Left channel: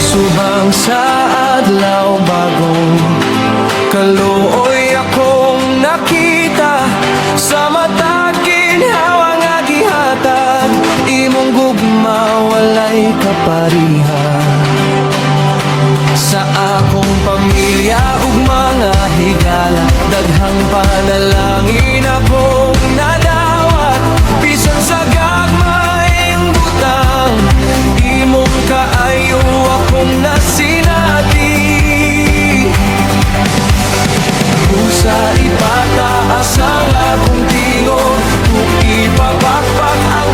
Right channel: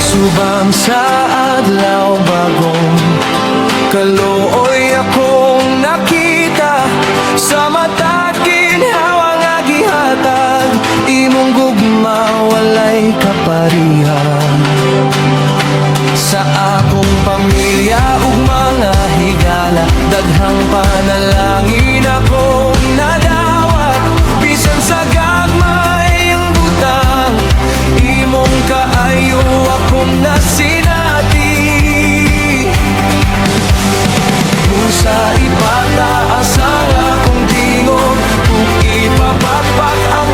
Subang sa adlaw bagong kaluoy akong nakita, sa matag ginhawa nga gihatag, imong gugma walay kaparihan. Sa akong pamilya ug mga higala, daghang panalangin akong nadawat. Bisan sa gagmay ang butang, imong kaayo akong nasinati. Busa ipataas ang akong tingog, ug ipapakpak ang